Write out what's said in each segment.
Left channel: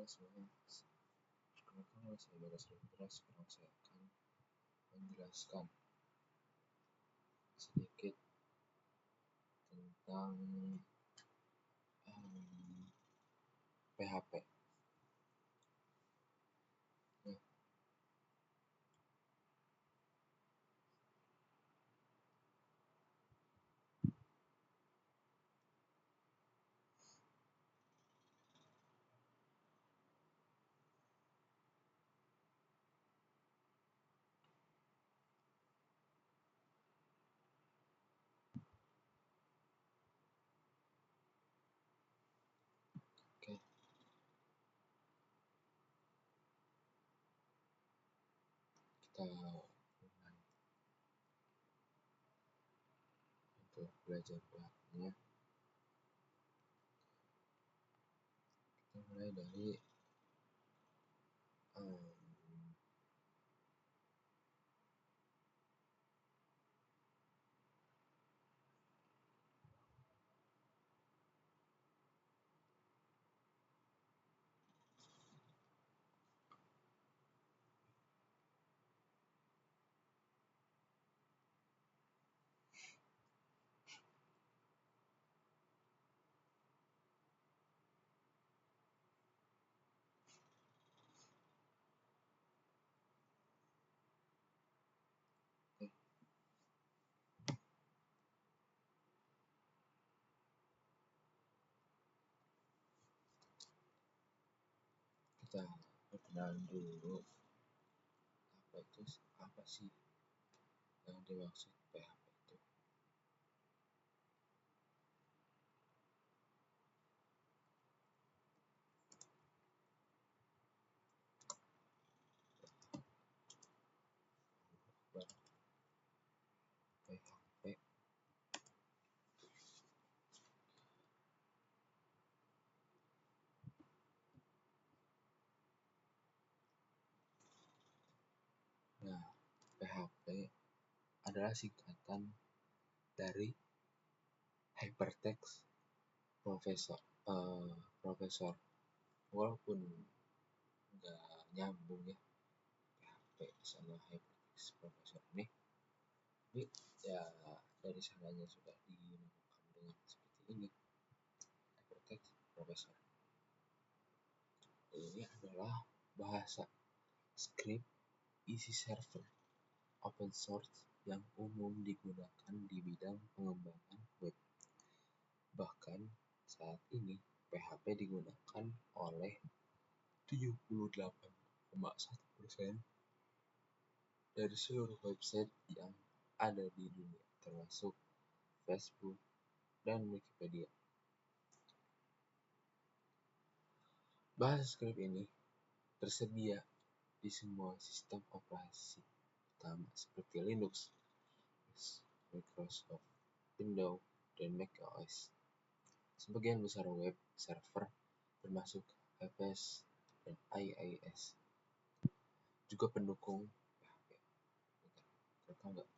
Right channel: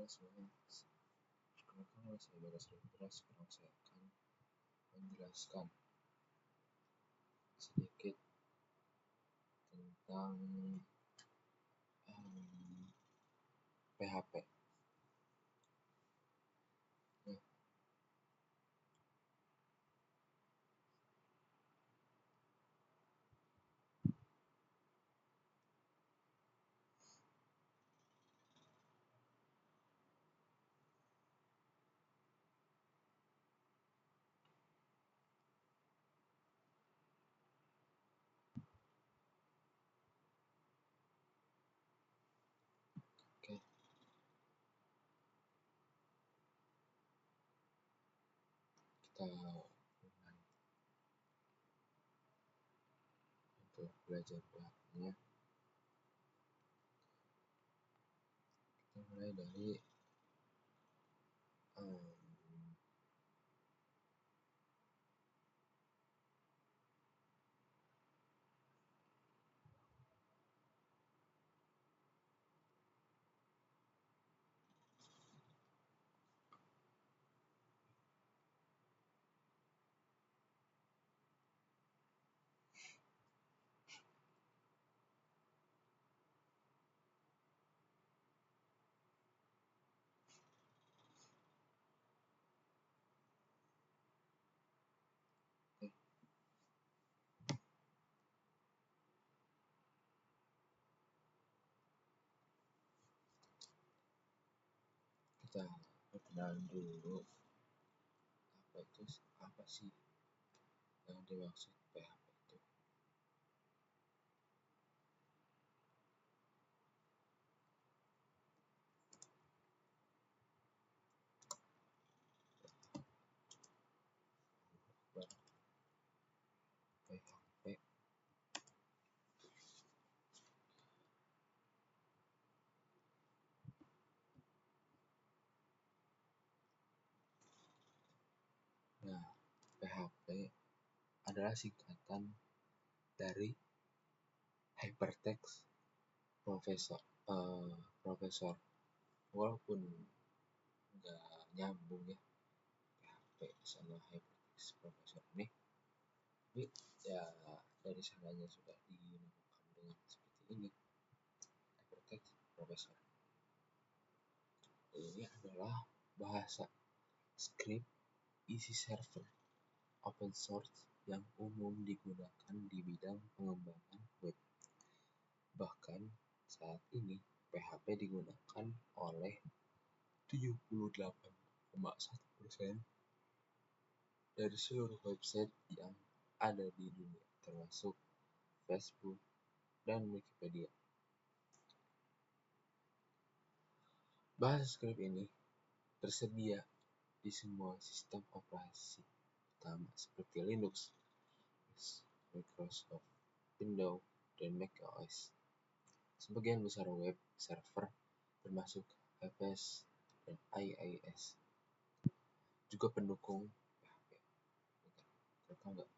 Semuanya, perkenalkan nama saya Bagas Rindra. Sekarang saya akan menjelaskan sedikit tentang PHP. Nah, oke, kita mulai untuk belajar PHP-nya. Kita mulai dari kita perkenalan dulu. Apa sih yang dimaksud PHP itu? PHP Nah, PHP adalah singkatan dari Hypertext Processor. Walaupun nggak nyambung ya PHP sama Hypertext Processor ini, tapi ya dari sananya sudah dinamakan dengan seperti ini, Hypertext Processor. Ini adalah bahasa script isi server open source yang umum digunakan di bidang pengembangan web. Bahkan saat ini PHP digunakan oleh 78,1% dari seluruh website yang ada di dunia, termasuk Facebook dan Wikipedia. Bahasa script ini tersedia di semua sistem operasi utama seperti Linux, Microsoft Windows, dan macOS. Sebagian besar web server termasuk FS dan IIS juga pendukung PHP. Tahu nggak?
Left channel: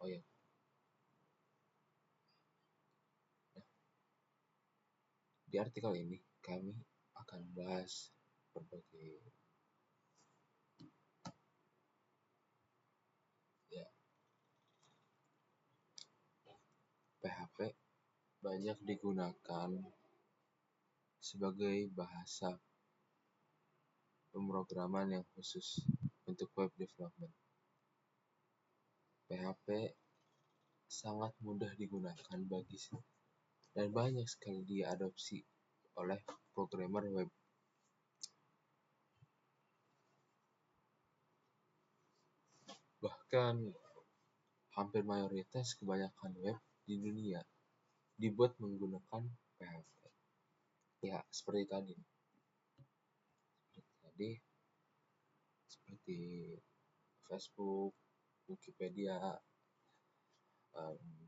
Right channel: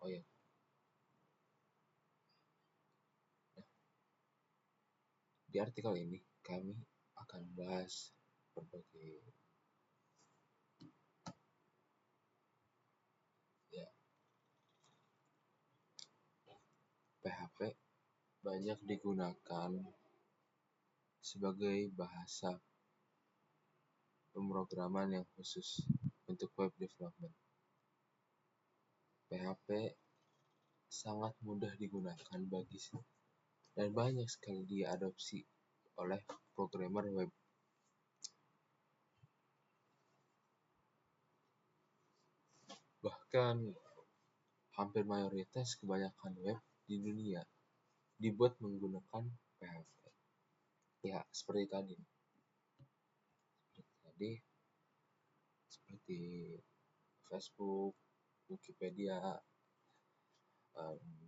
Oh ya. Nah, di artikel ini kami akan bahas berbagai PHP banyak digunakan sebagai bahasa pemrograman yang khusus untuk web development. PHP sangat mudah digunakan dan banyak sekali diadopsi oleh programmer web. Bahkan hampir mayoritas kebanyakan web di dunia dibuat menggunakan PHP. Ya, seperti tadi, seperti Facebook, Wikipedia,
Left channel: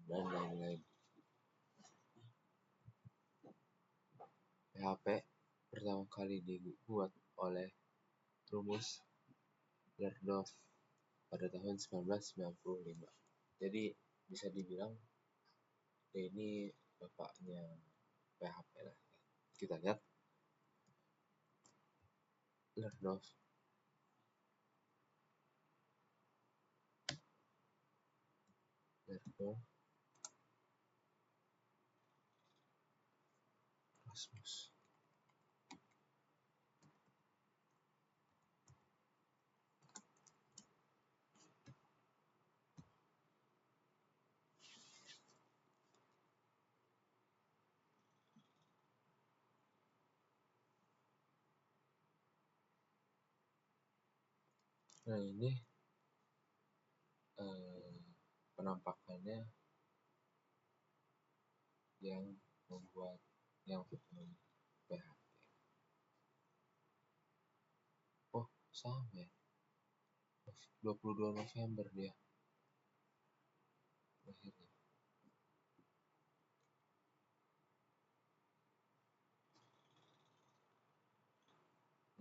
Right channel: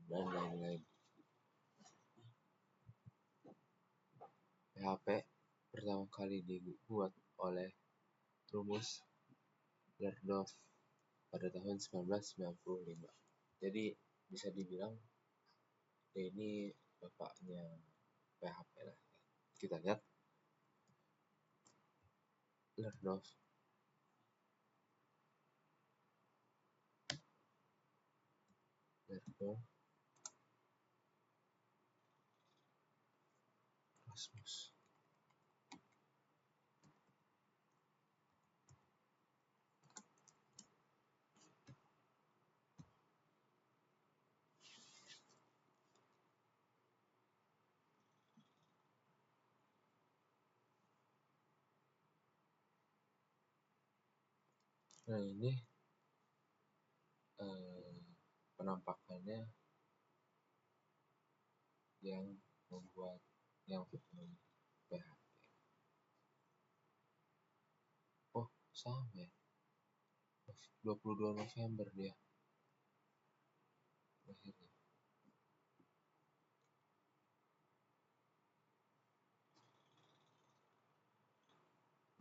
dan lain-lain. PHP pertama kali dibuat oleh rumus Berdorf pada tahun 1995. Jadi bisa dibilang ini bapaknya PHP lah. Kita lihat Lernof. Lernof. Rasmus. Nah ini penampakannya yang membuat yang PHP. Oh sama ya, 22 November dia lahirnya.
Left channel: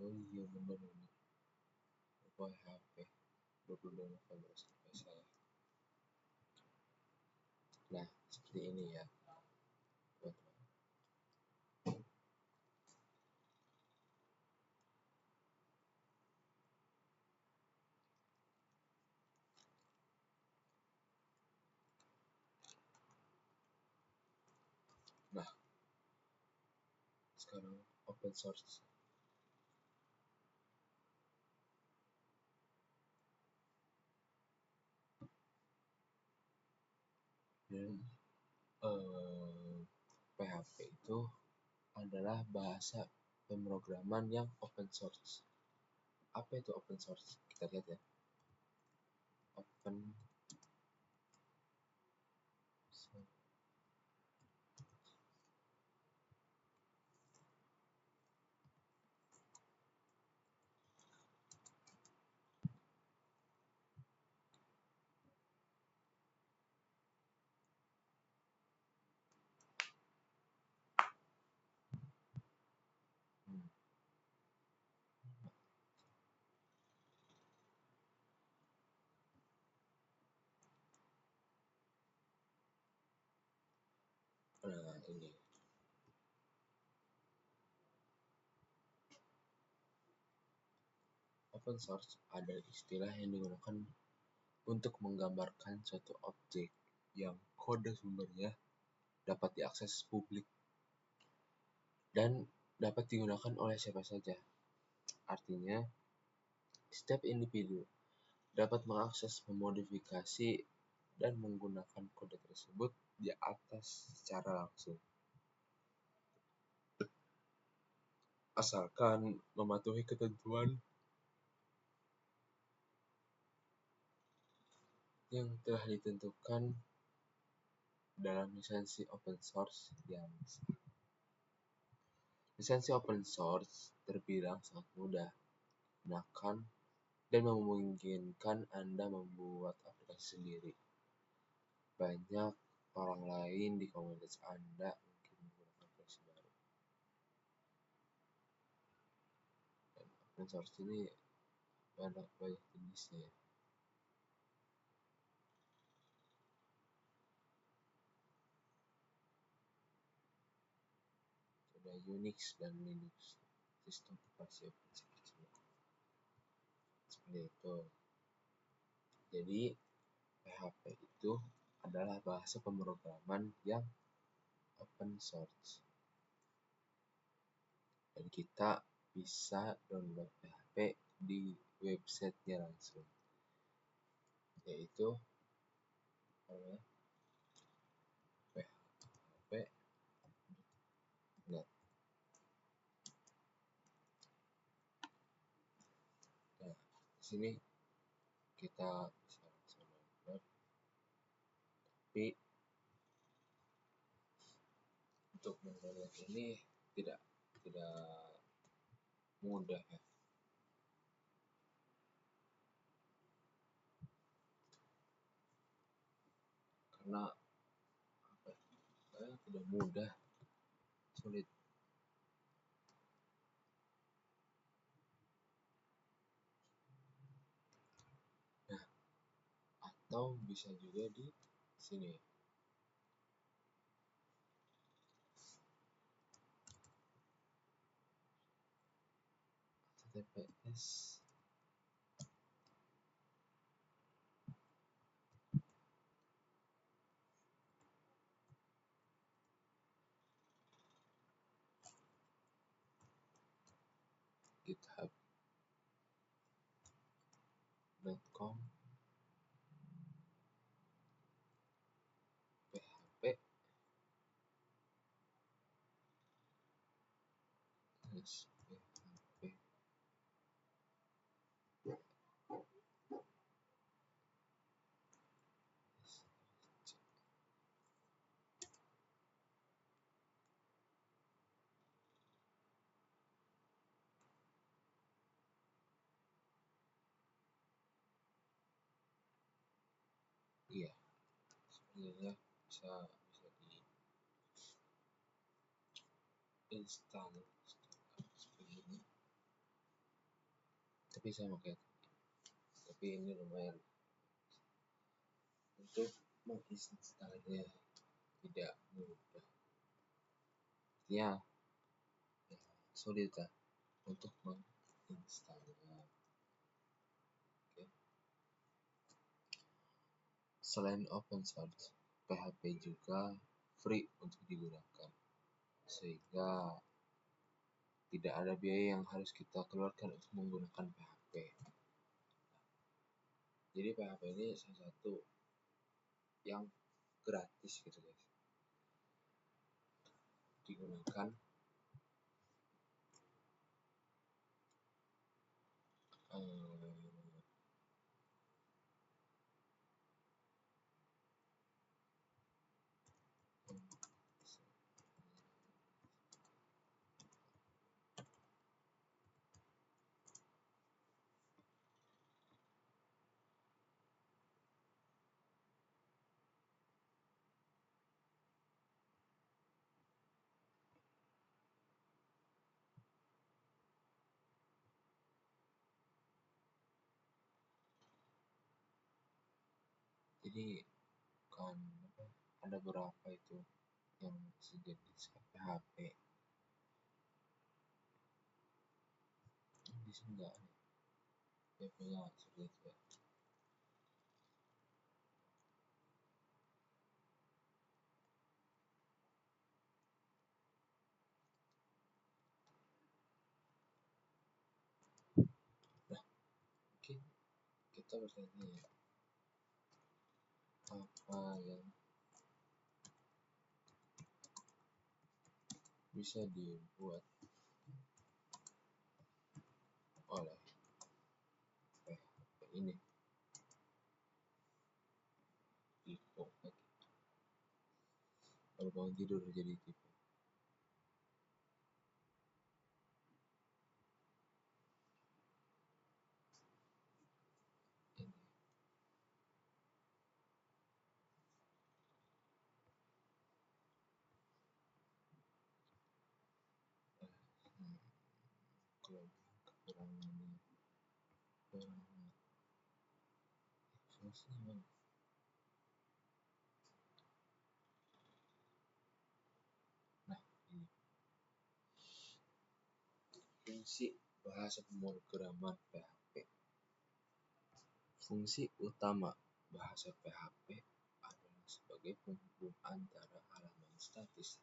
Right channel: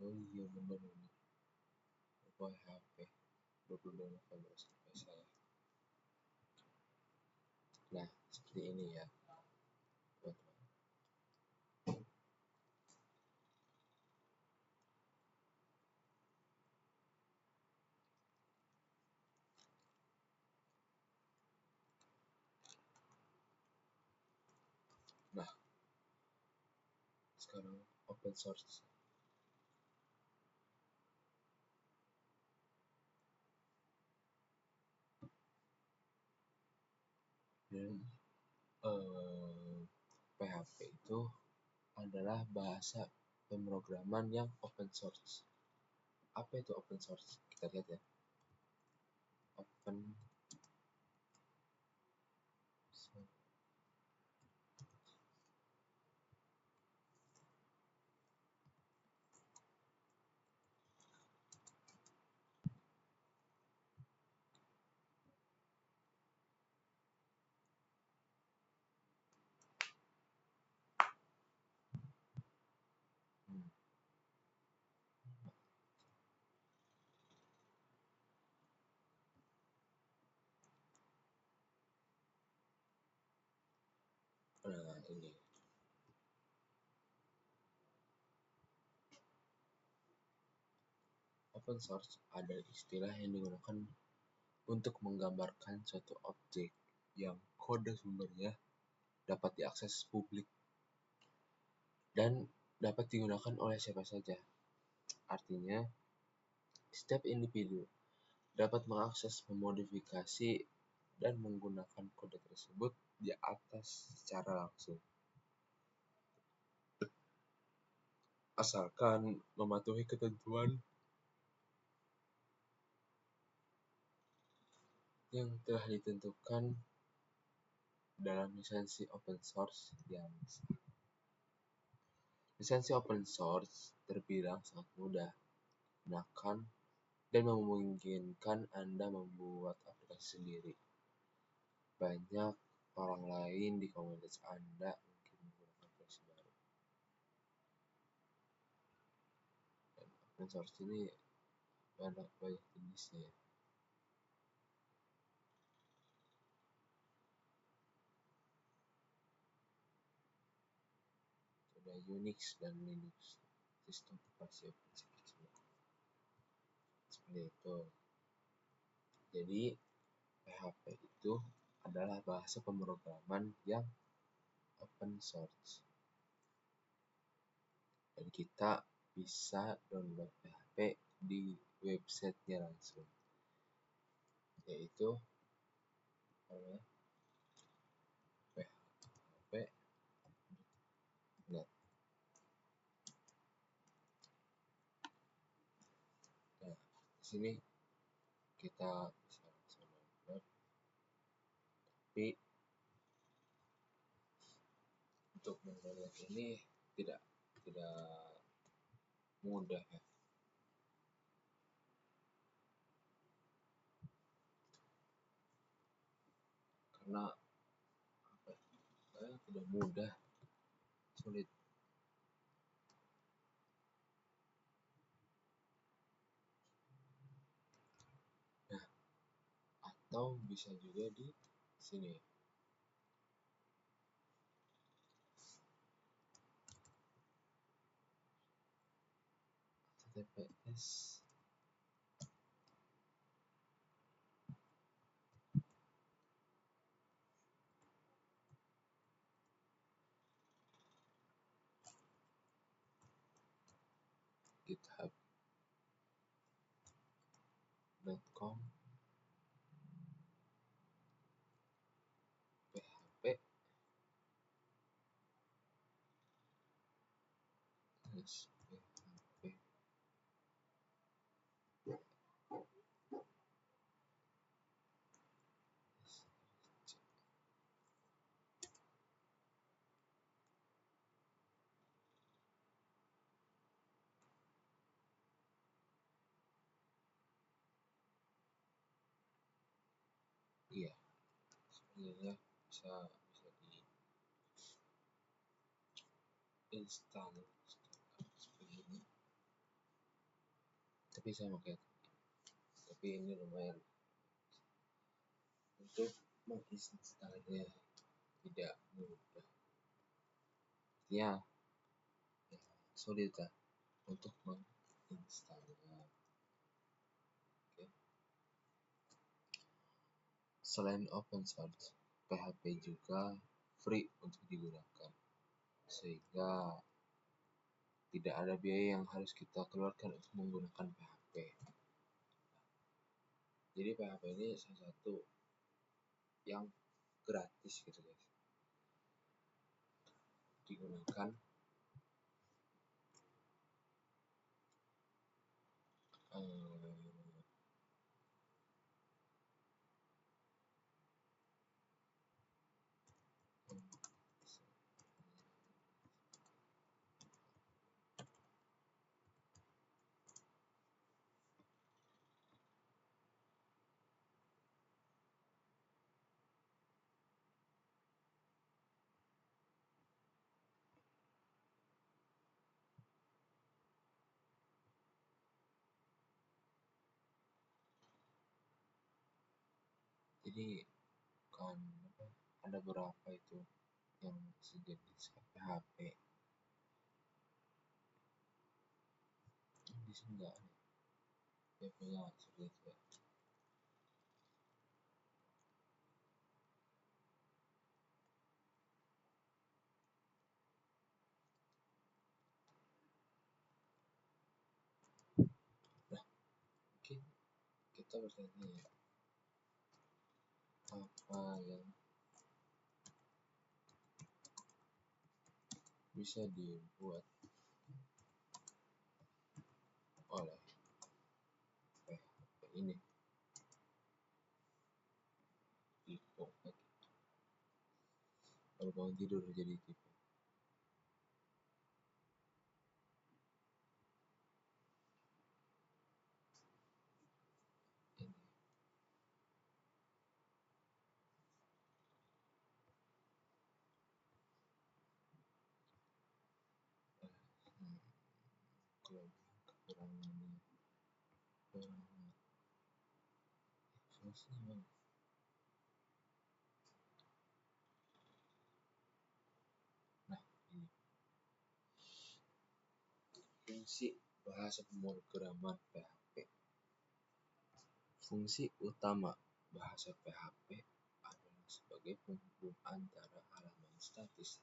Oh iya bener PHP 22 November sampai saya. Nah seperti ini ya. Nah sekarang open source. Dan PHP itu adalah bahasa pemrograman yang open source. Apa itu open source? Kita lihat ya. Open source. Nah ini open source adalah istilah yang digunakan untuk menggambarkan suatu objek yang kode sumbernya dapat diakses publik dan dapat digunakan oleh siapa saja. Artinya, setiap individu dapat mengakses, memodifikasi, dan menggunakan kode tersebut di atas secara langsung. Asalkan mematuhi ketentuan yang telah ditentukan dalam lisensi open source yang sah. Lisensi open source terbilang sangat mudah digunakan dan memungkinkan Anda membuat aplikasi sendiri. Banyak orang lain di komunitas Anda mungkin menggunakan aplikasi baru. Dan open source ini banyak jenisnya. Ada Unix dan Linux, sistem operasi open source. Seperti itu. Jadi PHP itu adalah bahasa pemrograman yang open source. Dan kita bisa download PHP di websitenya langsung, yaitu php.net. Nah, di sini kita bisa download, tapi untuk mendownload ini tidak mudah ya, karena tidak mudah, sulit. Nah, atau bisa juga di sini. https github.com php php iya sebenarnya bisa diinstal seperti ini, tapi saya pakai tapi ini lumayan untuk menginstalnya tidak mudah ya, sulit ya untuk menginstalnya. Oke. Selain open source, PHP juga free untuk digunakan, sehingga tidak ada biaya yang harus kita keluarkan untuk menggunakan PHP. Jadi PHP ini salah satu yang gratis gitu guys, digunakan jadi kan ada beberapa itu yang sejenis PHP di sini nggak ada PHP-nya seperti itu ya. Nah, mungkin kita bertanya ya, apa yang bisa dibuat oleh PHP ini tipe baru bangun tidur jadi tipe ini. Kalau kekurangannya fungsinya nah ini fungsi bahasa pemrograman PHP. Fungsi utama bahasa PHP adalah sebagai penghubung antara halaman statis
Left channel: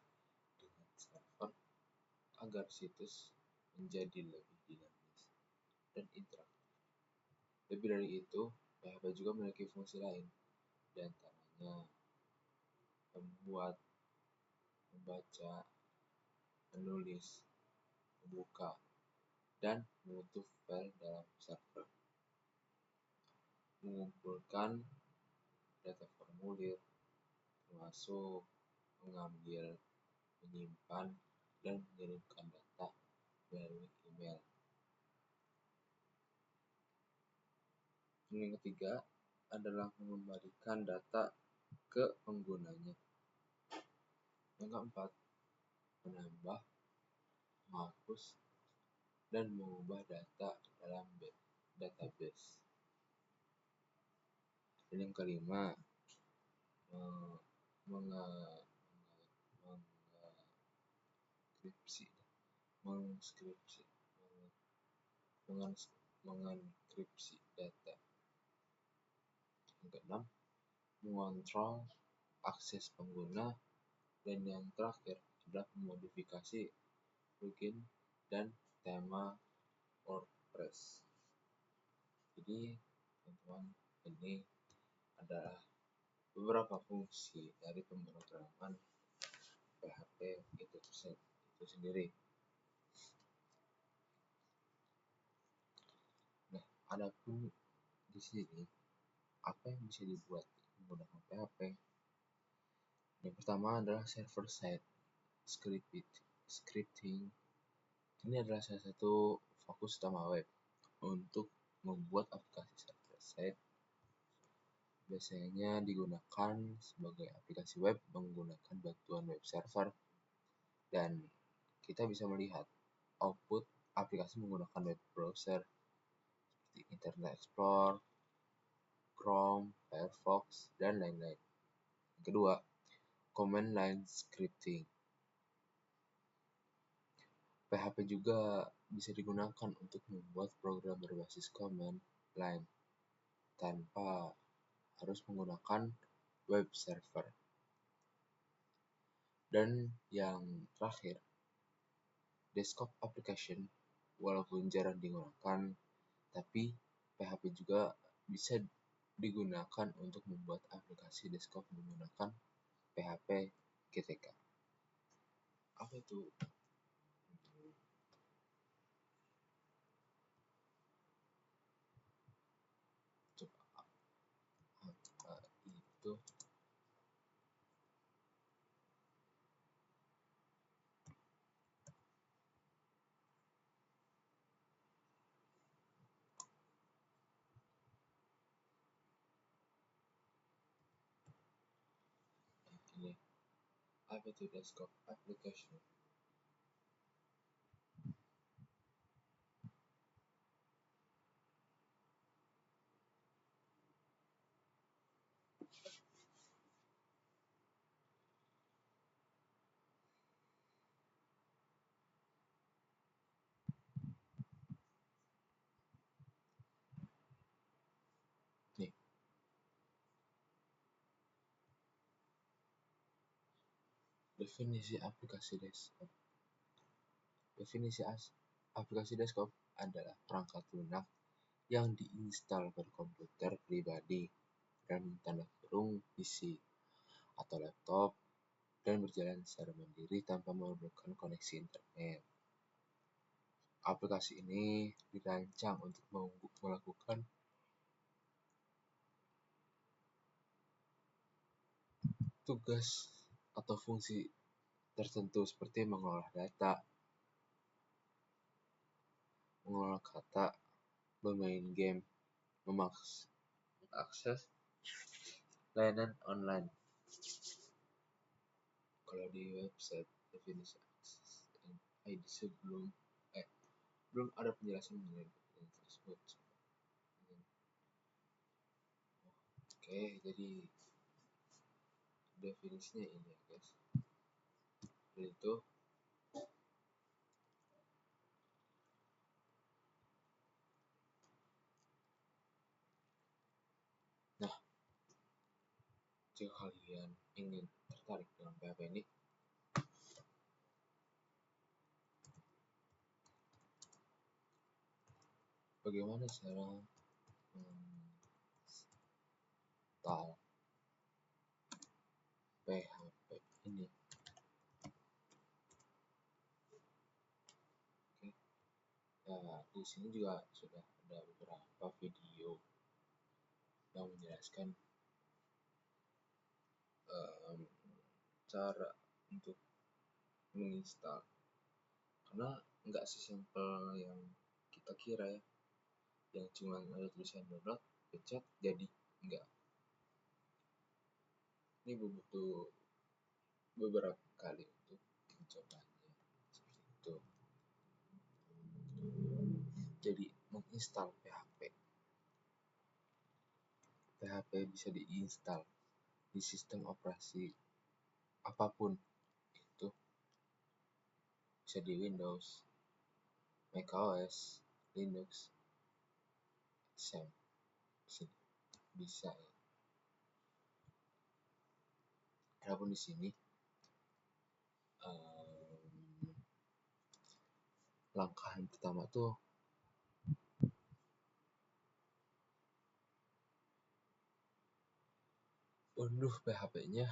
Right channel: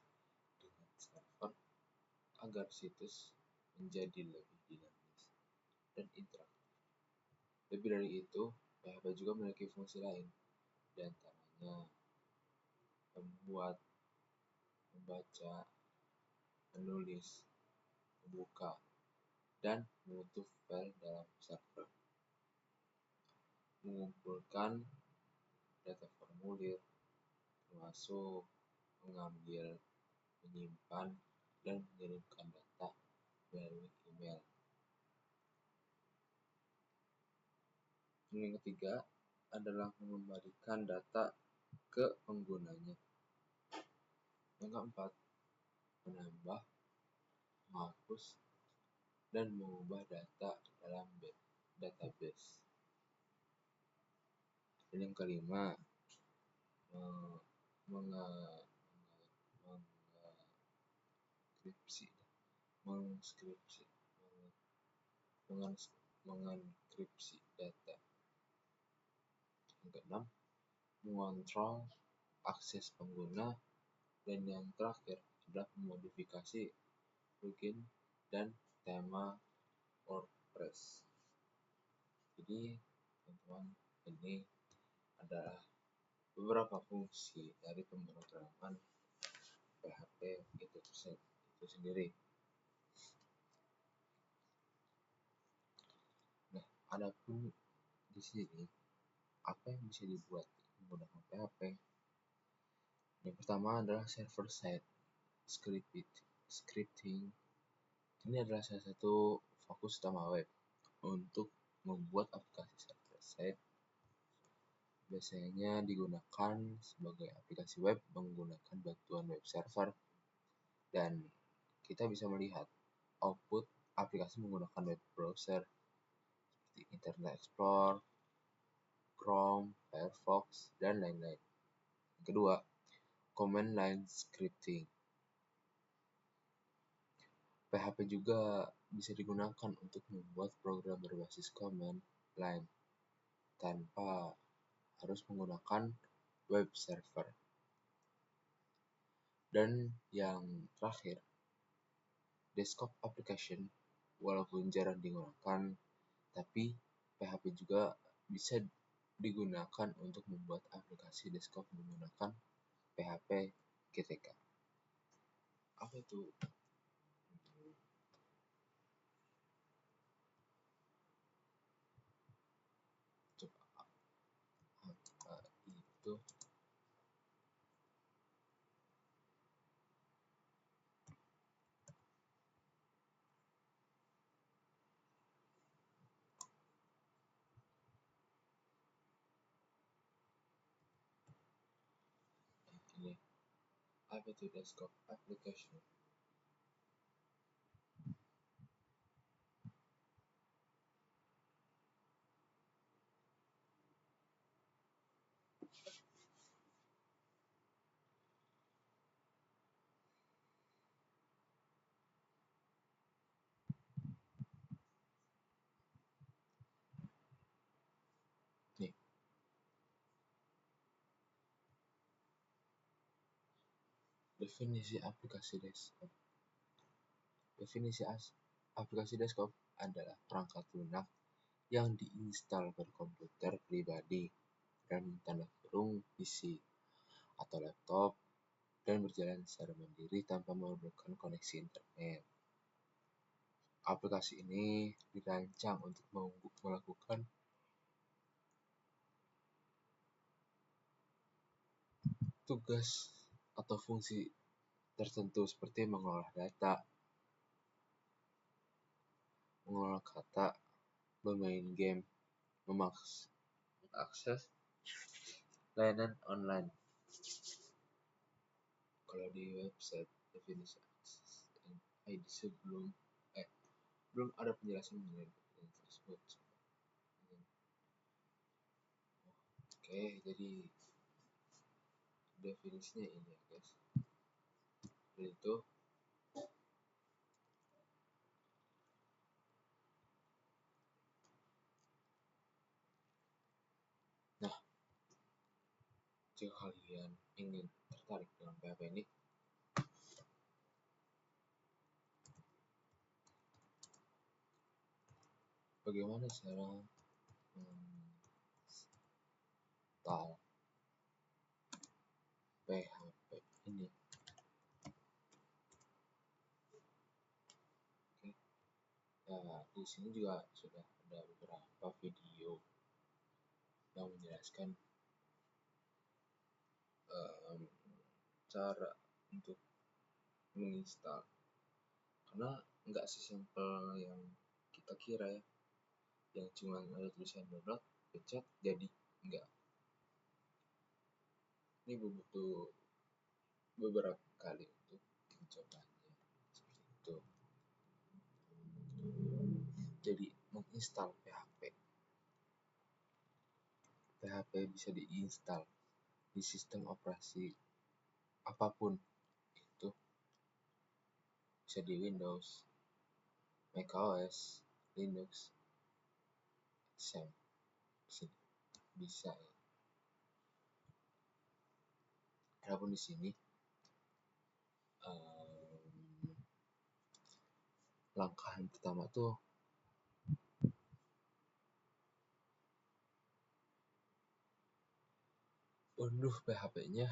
dengan server agar situs menjadi lebih dinamis dan interaktif. Lebih dari itu, PHP juga memiliki fungsi lain, di antaranya membuat, membaca, menulis, membuka, dan menutup file dalam server, mengumpulkan data formulir, termasuk mengambil, menyimpan, dan mengirimkan data melalui email. Yang ketiga adalah mengembalikan data ke penggunanya. Yang keempat, menambah, menghapus, dan mengubah data dalam database. Dan yang kelima, mengeskripsi mengenkripsi data. Yang keenam, mengontrol akses pengguna. Dan yang terakhir adalah memodifikasi plugin dan tema WordPress. Jadi teman-teman, ini adalah beberapa fungsi dari pemrograman PHP itu sendiri. Nah, adapun di sini apa yang bisa dibuat menggunakan PHP? Yang pertama adalah server side scripting. Ini adalah salah satu fokus utama web untuk membuat aplikasi server side. Biasanya digunakan sebagai aplikasi web menggunakan bantuan web server, dan kita bisa melihat output aplikasi menggunakan web browser seperti Internet Explorer, Chrome, Firefox, dan lain-lain. Yang kedua, command line scripting. PHP juga bisa digunakan untuk membuat program berbasis command line tanpa harus menggunakan web server. Dan yang terakhir, desktop application. Walaupun jarang digunakan, tapi PHP juga bisa digunakan untuk membuat aplikasi desktop menggunakan PHP GTK. Apa itu? Coba apa itu? Ini apa itu desktop application? Nih, definisi aplikasi desktop. Definisi aplikasi desktop adalah perangkat lunak yang diinstal pada komputer pribadi dan tanda kurung PC atau laptop dan berjalan secara mandiri tanpa memerlukan koneksi internet. Aplikasi ini dirancang untuk melakukan tugas atau fungsi tertentu seperti mengolah data, mengolah kata, bermain game, mengakses layanan online. Kalau di website definisi akses ID belum ada penjelasan mengenai tersebut. Oke, jadi definisinya ini ya guys. Itu nah, jika kalian ingin tertarik dengan PHP ini, bagaimana cara menginstal PHP ini? Oke. Ya, di sini juga sudah ada beberapa video yang menjelaskan cara untuk menginstal, karena nggak sesimpel yang kita kira ya, yang cuma ada tulisan download, pencet jadi. Enggak, ini butuh beberapa kali untuk mencobanya seperti itu. Jadi menginstal PHP bisa diinstal di sistem operasi apapun, itu bisa di Windows, macOS, Linux, SAM, bisa ya. Adapun di sini langkah yang pertama tuh unduh PHP-nya,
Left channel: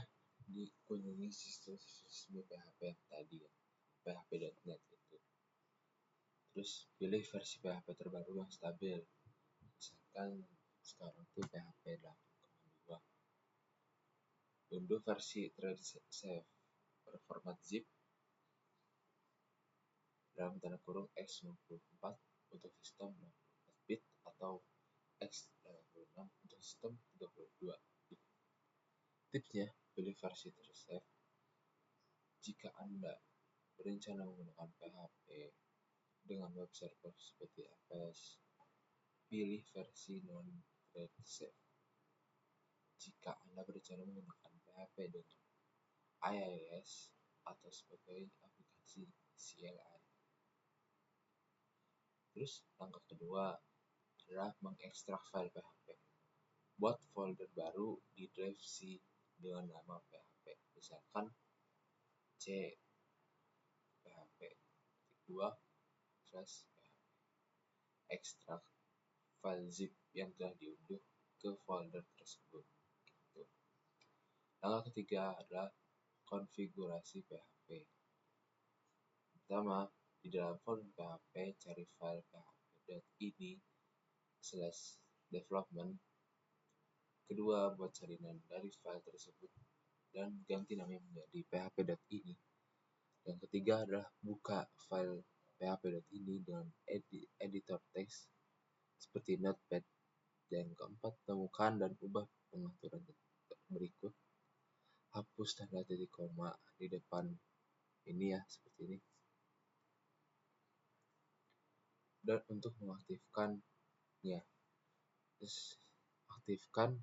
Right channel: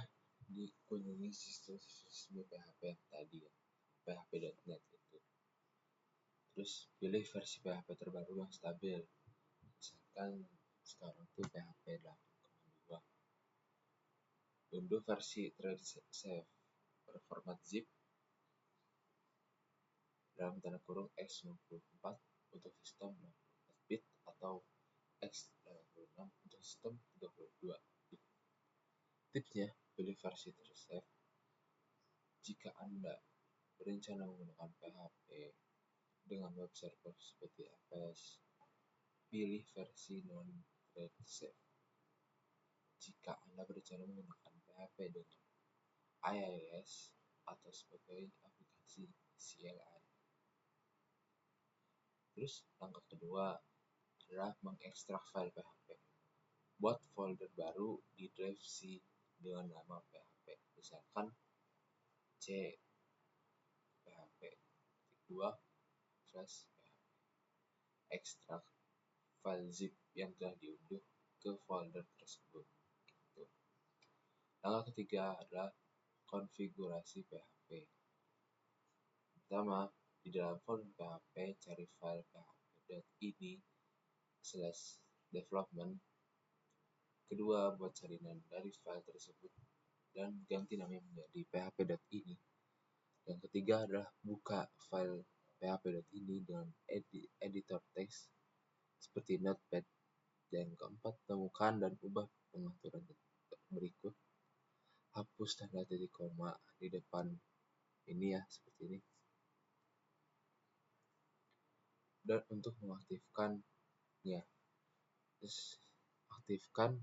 dikunjungi sistem resmi PHP yang tadi ya, php.net itu. Terus pilih versi PHP terbaru yang stabil. Misalkan sekarang tuh PHP 8.2. Unduh versi safe berformat zip dalam tanda kurung x64 untuk sistem 64 bit atau x86 untuk sistem 32 bit. Tipsnya, pilih versi tersafe jika Anda berencana menggunakan PHP dengan web server seperti Apache. Pilih versi non-thread safe jika Anda berencana menggunakan PHP dengan IIS atau sebagai aplikasi CLI. Terus langkah kedua adalah mengekstrak file PHP. Buat folder baru di drive C dengan nama PHP. Misalkan C PHP 2/PHP. Ekstrak file zip yang telah diunduh ke folder tersebut. Gitu. Langkah ketiga adalah konfigurasi PHP. Pertama, di dalam folder PHP cari file php.ini/development. Kedua, buat salinan dari file tersebut dan ganti namanya menjadi php.ini. Yang ketiga adalah buka file php.ini dengan editor teks seperti Notepad. Yang keempat, temukan dan ubah pengaturan berikut. Hapus tanda titik koma di depan ini ya, seperti ini. Dan untuk mengaktifkan ya, terus aktifkan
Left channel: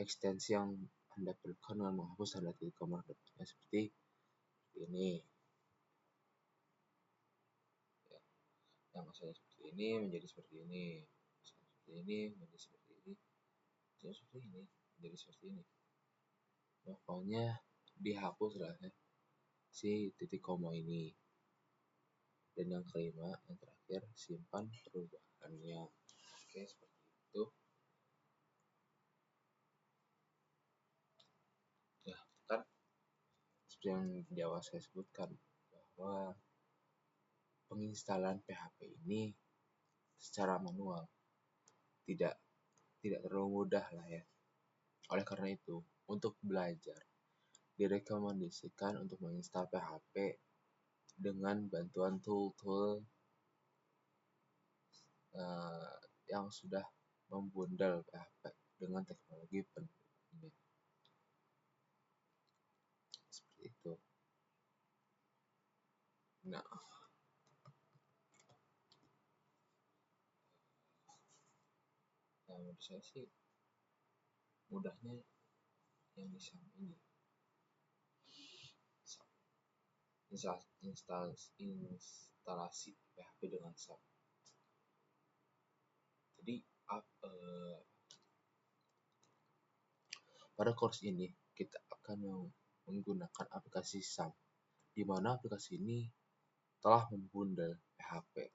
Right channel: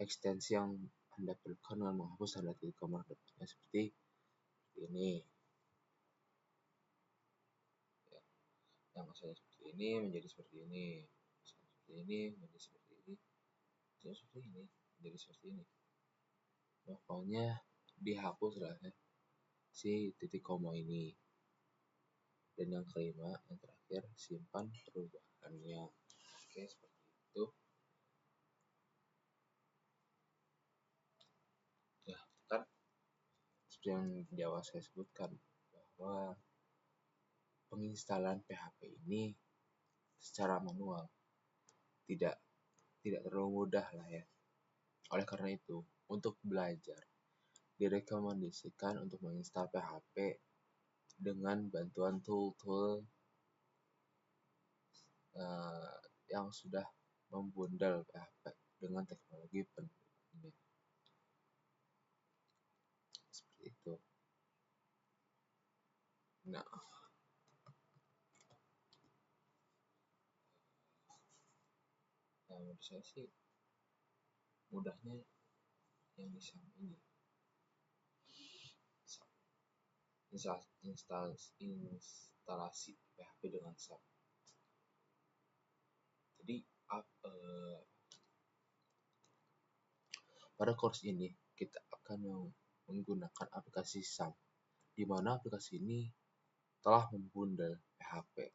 ekstensi yang Anda perlukan dengan menghapus tanda titik koma depannya seperti ini. Ya, yang saya seperti ini menjadi seperti ini, seperti ini menjadi seperti ini, seperti ini menjadi seperti ini. Pokoknya dihapus lah ya, si titik koma ini. Dan yang kelima, yang terakhir, simpan perubahannya. Oke, seperti itu. Nah, kan seperti yang di awal saya sebutkan bahwa penginstalan PHP ini secara manual tidak terlalu mudah lah ya. Oleh karena itu, untuk belajar direkomendasikan untuk menginstal PHP dengan bantuan tool-tool yang sudah membundel PHP dengan teknologi pendukungnya. Seperti itu. Nah, menurut saya sih mudahnya yang di SAM ini. Instalasi PHP dengan SAM. Jadi pada course ini kita akan menggunakan aplikasi SAM, di mana aplikasi ini telah membundel PHP,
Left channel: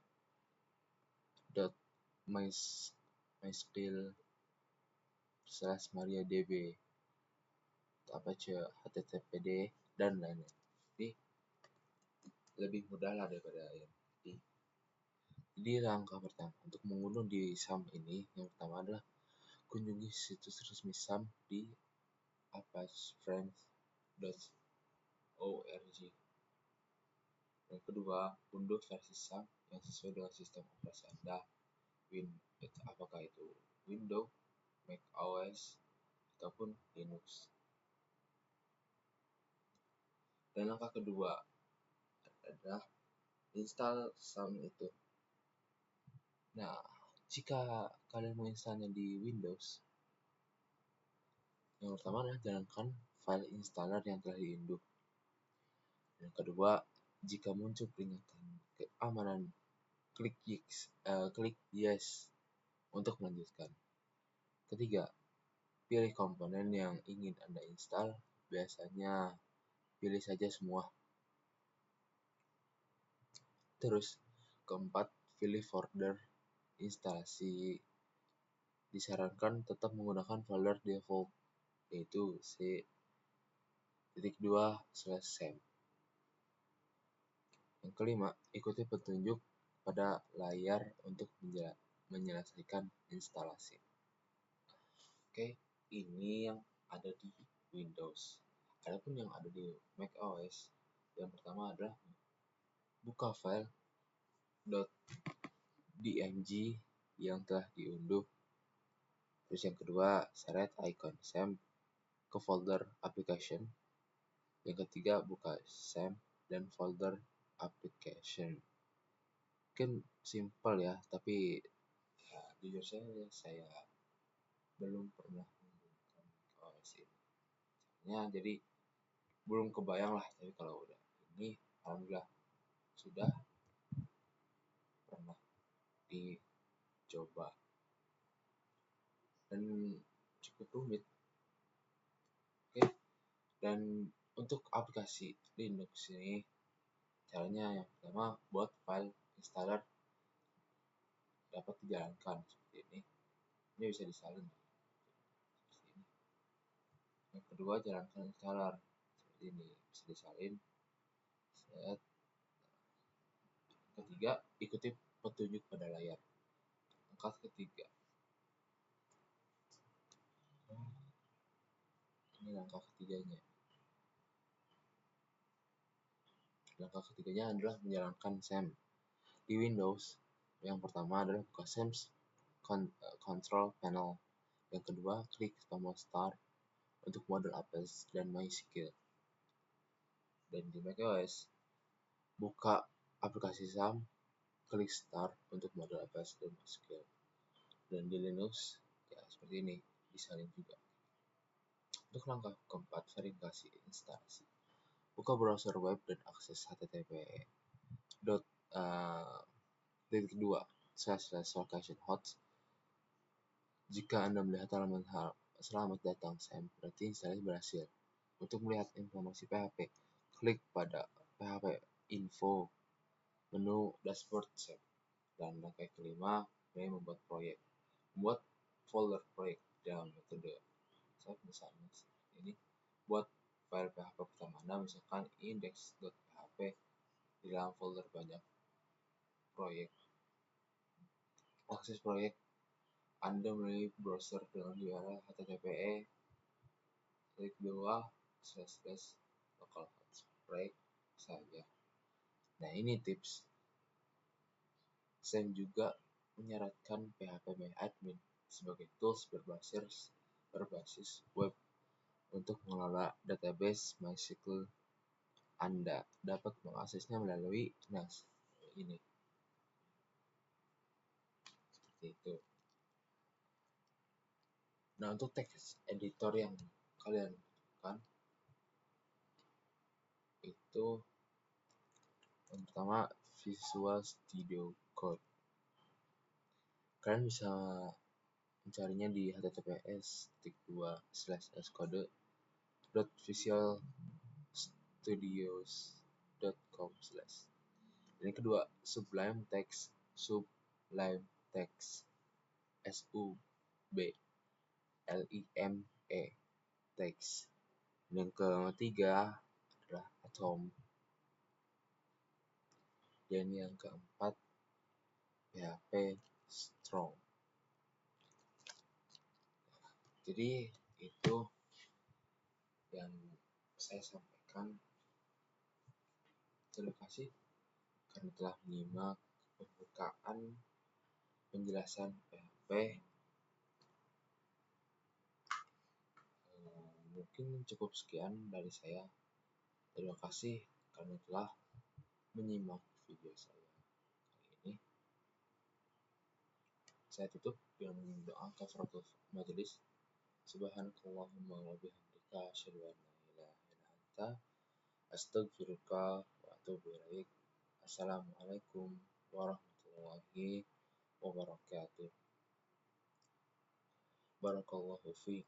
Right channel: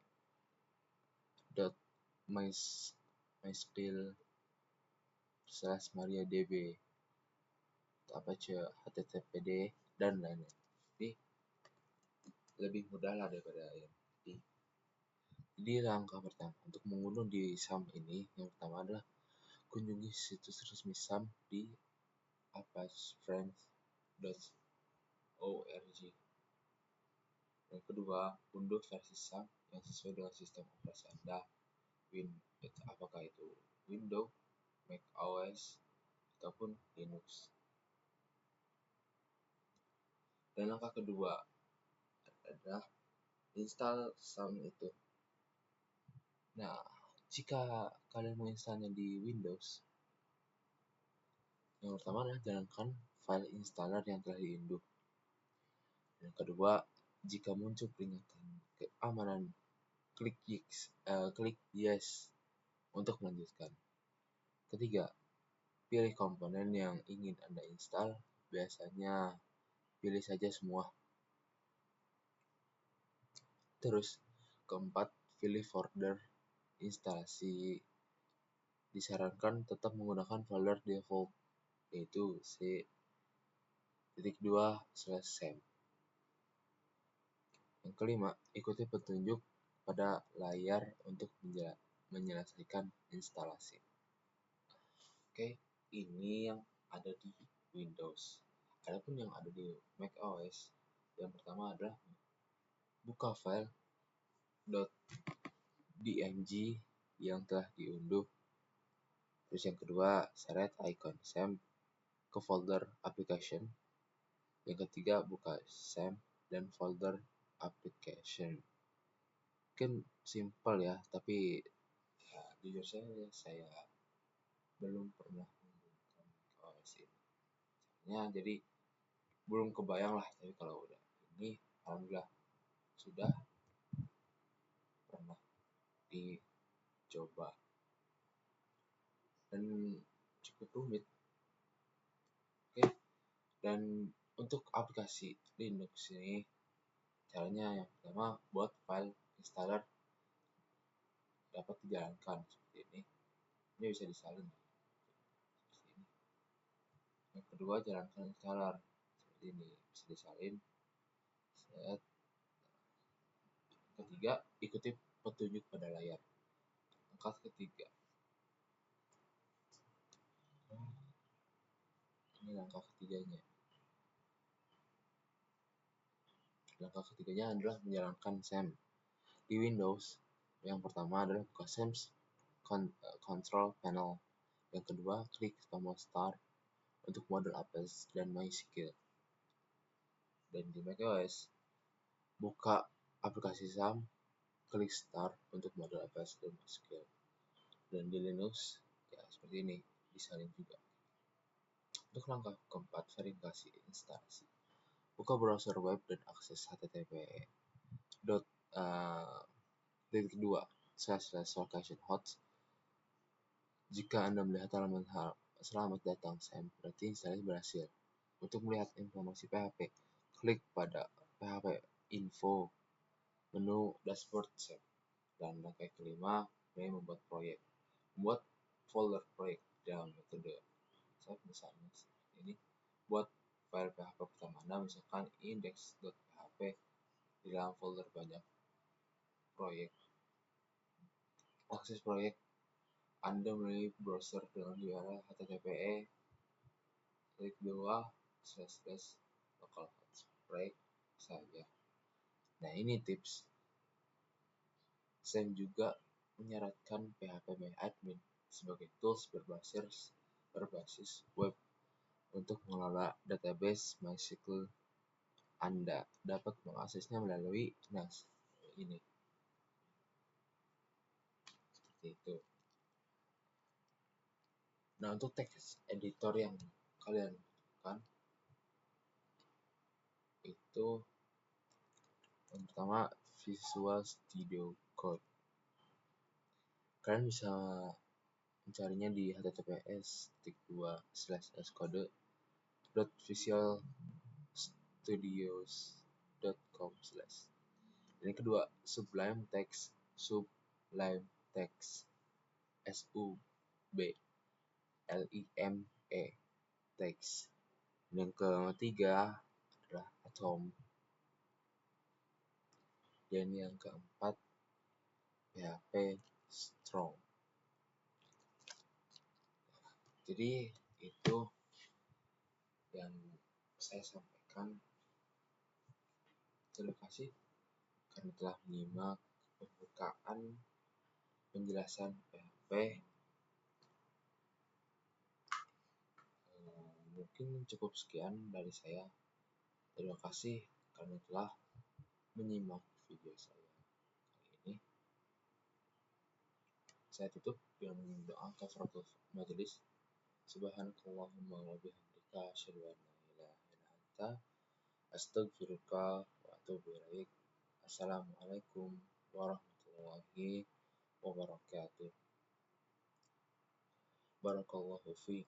MySQL/MariaDB, Apache HTTPD dan lainnya. Jadi lebih mudah lah daripada yang tadi. Jadi langkah pertama untuk mengunduh di SAM ini, yang pertama adalah kunjungi situs resmi SAM di apachefriends.org. Yang kedua, unduh versi SAM yang sesuai dengan sistem operasi Anda. Apakah itu Windows, Mac OS, ataupun Linux. Dan langkah kedua adalah install SAM itu. Nah, jika kalian mau instalnya di Windows, yang pertama adalah jalankan file installer yang telah diunduh. Yang kedua, jika muncul peringatan keamanan klik yes untuk melanjutkan. Ketiga, pilih komponen yang ingin Anda install. Biasanya pilih saja semua. Terus, keempat, pilih folder instalasi. Disarankan tetap menggunakan folder default, yaitu c.2/sam. Yang kelima, ikuti petunjuk pada layar untuk menyelesaikan instalasi. Oke, ini yang ada di Windows. Adapun yang ada di macOS, yang pertama adalah buka file .dmg yang telah diunduh. Terus yang kedua, seret icon SAM ke folder application. Yang ketiga, buka SAM dan folder application. Mungkin simple ya, tapi ya, jujur saya belum pernah menggunakan OS ini. Jadi belum kebayang lah, tapi kalau udah ini alhamdulillah sudah pernah dicoba dan cukup rumit. Oke, dan untuk aplikasi Linux ini caranya yang pertama buat file installer dapat dijalankan seperti ini bisa disalin seperti ini. Yang kedua, jalankan installer seperti ini, bisa disalin. Ketiga, ikuti petunjuk pada layar. Langkah ketiga, ini langkah ketiganya. Langkah ketiganya adalah menjalankan SAM. Di Windows, yang pertama adalah buka SAM Control Panel. Yang kedua, klik tombol Start untuk model Apps dan MySQL. Dan di macOS, buka aplikasi SAM, klik Start untuk model Apps dan MySQL. Dan di Linux, ya seperti ini, disalin juga. Untuk langkah keempat, verifikasi instalasi. Buka browser web dan akses http://location-host. Jika Anda melihat halaman selamat datang SAM, berarti instalasi berhasil. Untuk melihat informasi PHP, klik pada PHP info menu dashboard SAM. Dan langkah kelima, membuat proyek. Membuat folder proyek dalam metode SAM misalnya ini. Buat file PHP pertama Anda, misalkan index.php di dalam folder banyak proyek. Akses proyek Anda melalui browser dengan URL http //localhost proyek saja. Nah, ini tips. Saya juga menyarankan PHP-admin sebagai tools berbasis web untuk mengelola database MySQL. Anda dapat mengaksesnya melalui ini. Seperti itu. Nah, untuk text editor yang kalian butuhkan itu yang pertama Visual Studio Code. Kalian bisa mencarinya di https://code.visualstudios.com/. Yang kedua, Sublime Text SUBLIME text. Yang ketiga adalah Atom. Dan yang keempat PHP Strong. Jadi itu yang saya sampaikan. Terima kasih karena telah menyimak pembukaan penjelasan PHP. Mungkin cukup sekian dari saya. Terima kasih karena telah menyimak video saya kali ini. Saya tutup dengan doa kafaratul majelis. Subhanakallahumma wa bihamdika asyhadu an la ilaha illa anta astaghfiruka wa atubu ilaik. Assalamualaikum warahmatullahi wabarakatuh. warahmatullahi wabarakatuh. Barakallahu fiik.